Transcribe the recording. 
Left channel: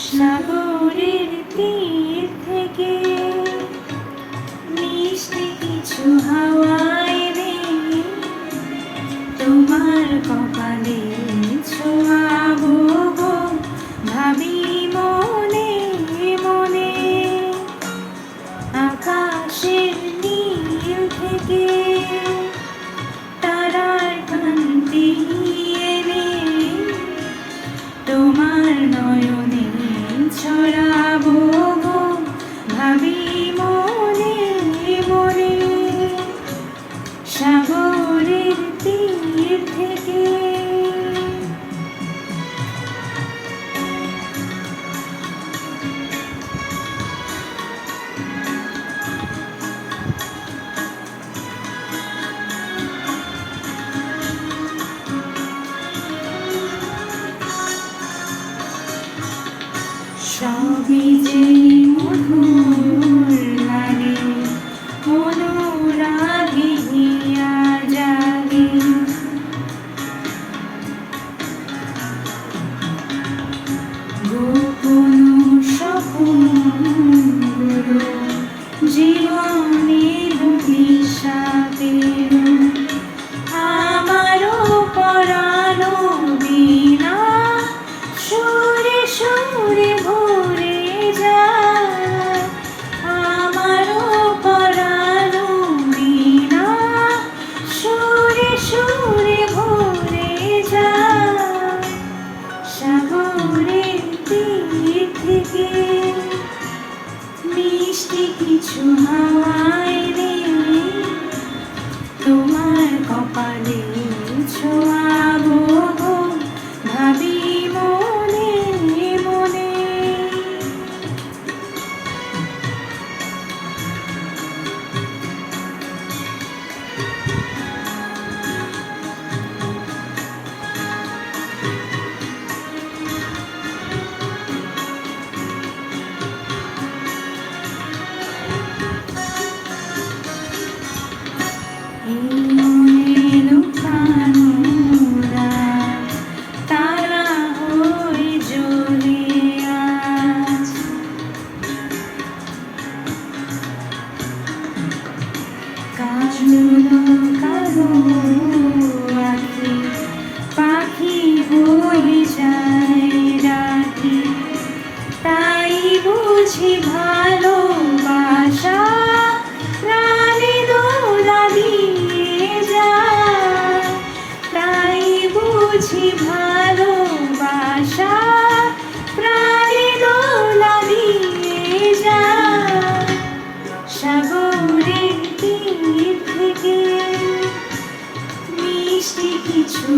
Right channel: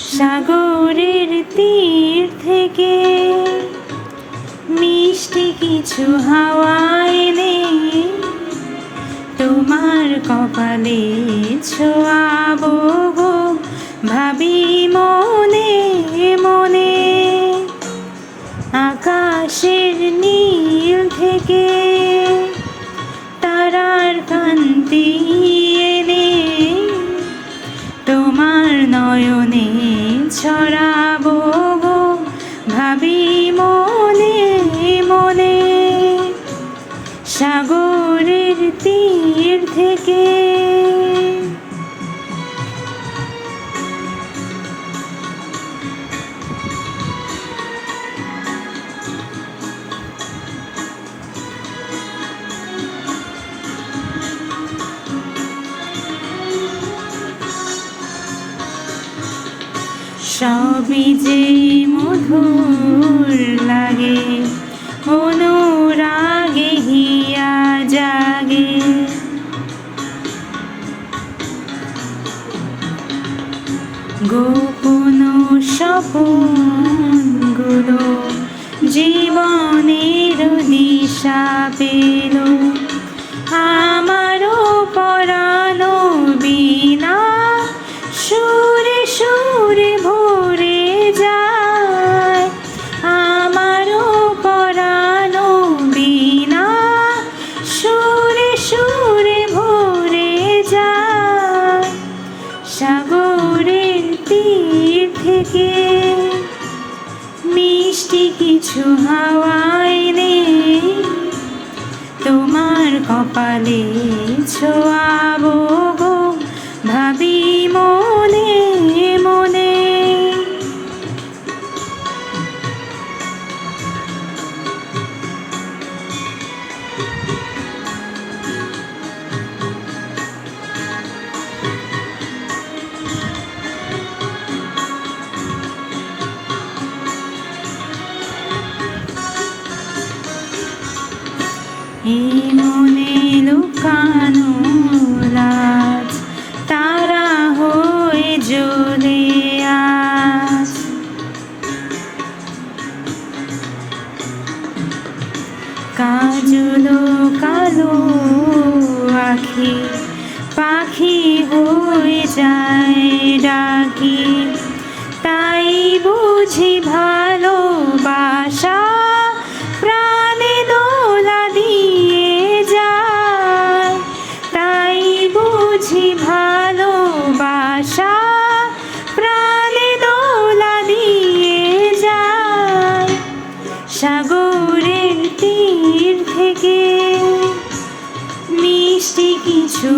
সাগরের তীর থেকে মিষ্টি কিছু হাওয়া এনে তোমার কপালে ছোঁয়াবো গো, ভাবি মনে মনে। আকাশের নীল থেকে তারার কান্তি এনে তোমার নয়নে ছড়াবো গো, ভাবি মনে মনে। সাগরের তীর থেকে সবই যে মধুর লাগে, অনুরাগে হিয়া জাগে। গোপন স্বপ্নগুলো জীবনের দিশা পেল, আমারও পরানো বিনা সুরে সুরে ভরে যায়। আমারও পরানো বিনা সুরে সুরে ভরে যায়। সাগরের তীর থেকে মিষ্টি কিছু হাওয়া এনে তোমার কপালে ছোঁয়াবো গো, ভাবি মনে মনে। এই মনে লুকানো রাজ তারা হয়ে জ্বলে আজ। কাজল কালো আখি পাখি হয়ে যায় ডাকি, তাই বুঝি ভালোবাসা প্রাণে দোলা দিয়ে যায়। তাই বুঝি ভালোবাসা প্রাণে দোলা দিয়ে যায়। সাগরের তীর থেকে মিষ্টি কিছু